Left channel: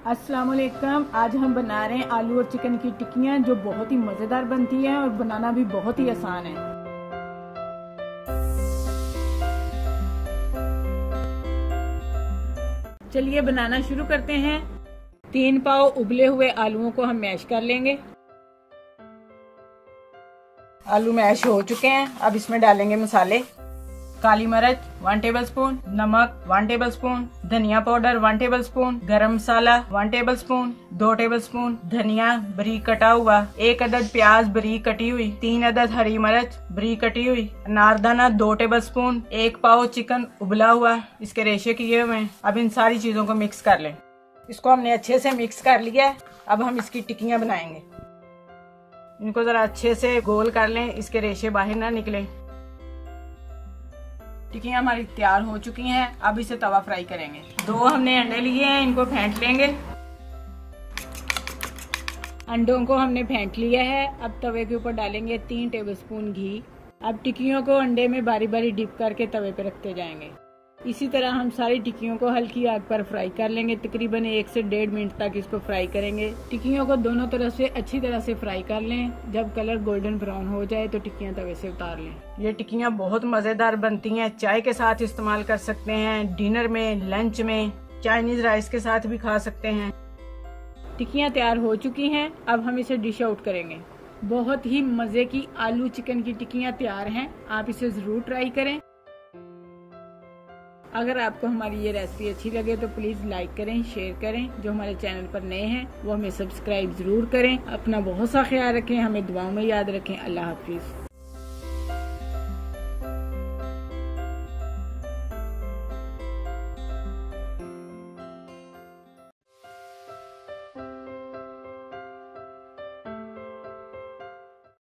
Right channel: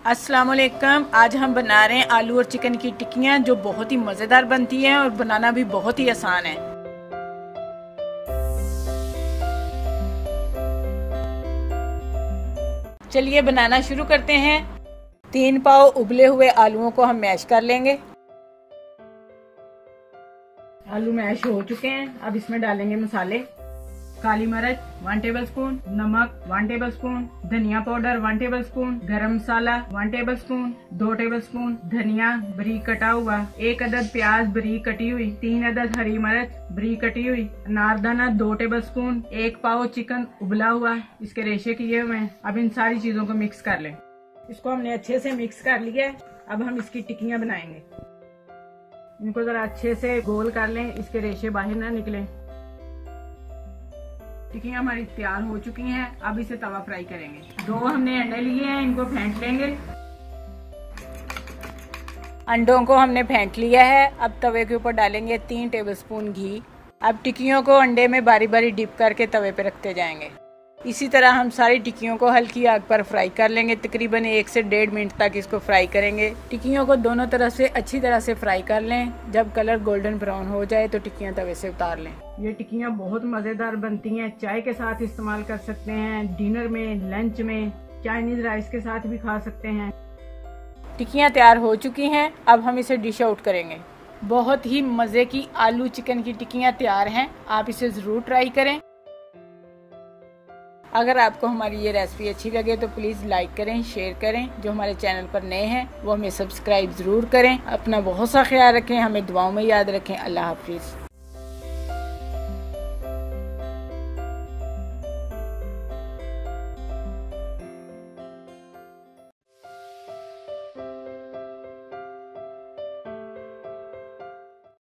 अस्सलाम वालेकुम। आज हम बना रहे हैं आलू और चिकन की टिक्कियाँ जो बहुत ही मज़ेदार बनती हैं और बनाना भी बहुत ही आसान है। चलिए बनाना शुरू करते हैं। 3 पाव उबले हुए आलूओं को हम मैश कर लेंगे। आलू मैश हो चुके हैं। अब इसमें डालेंगे मसाले। काली मिर्च 1 टेबलस्पून, नमक 1 टेबलस्पून, धनिया पाउडर 1 टेबलस्पून, गरम मसाला 1 टेबलस्पून, 2 टेबलस्पून धनिया बारीक कटा हुआ, 1 अदद प्याज बारीक कटी हुई, 3 अदद हरी मिर्च बारीक कटी हुई, अनारदाना 2 टेबलस्पून, 1 पाव चिकन उबला हुआ, इसके रेशे किए हुए हैं। अब इन सारी चीजों को मिक्स कर लें। इसको हमने अच्छे से मिक्स कर लिया है। अब हम इसकी टिक्कियां बनाएंगे। इनको जरा अच्छे से गोल कर लें, इसके रेशे बाहर ना निकले। टिक्कियाँ हमारी तैयार हो चुकी हैं। अब इसे तवा फ्राई करेंगे। 2 हमने अंडे लिए हैं, इनको फेंट लेंगे। अंडों को हमने फेंट लिया है। अब तवे के ऊपर डालेंगे 3 टेबलस्पून घी। अब टिक्कियों को अंडे में बारी बारी डिप करके तवे पे रखते जाएंगे। इसी तरह हम सारी टिक्कियों को हल्की आग पर फ्राई कर लेंगे। तकरीबन 1 से 1.5 मिनट तक इसको फ्राई करेंगे। टिक्कियों को दोनों तरफ से अच्छी तरह से फ्राई कर लें। जब कलर गोल्डन ब्राउन हो जाए तो टिक्कियां तवे से उतार लें। ये टिक्कियां बहुत मज़ेदार बनती हैं। चाय के साथ इस्तेमाल कर सकते हैं, डिनर में, लंच में, चाइनीज राइस के साथ भी खा सकते हैं। टिक्कियां तैयार हो चुकी हैं। अब हम इसे डिश आउट करेंगे। बहुत ही मज़े की आलू चिकन की टिक्कियां तैयार हैं। आप इसे ज़रूर ट्राई करें। अगर आपको हमारी ये रेसिपी अच्छी लगे तो प्लीज़ लाइक करें, शेयर करें। जो हमारे चैनल पर नए हैं वो हमें सब्सक्राइब ज़रूर करें। अपना बहुत सा ख्याल रखें, हमें दुआओं में याद रखें। अल्लाह हाफिज़।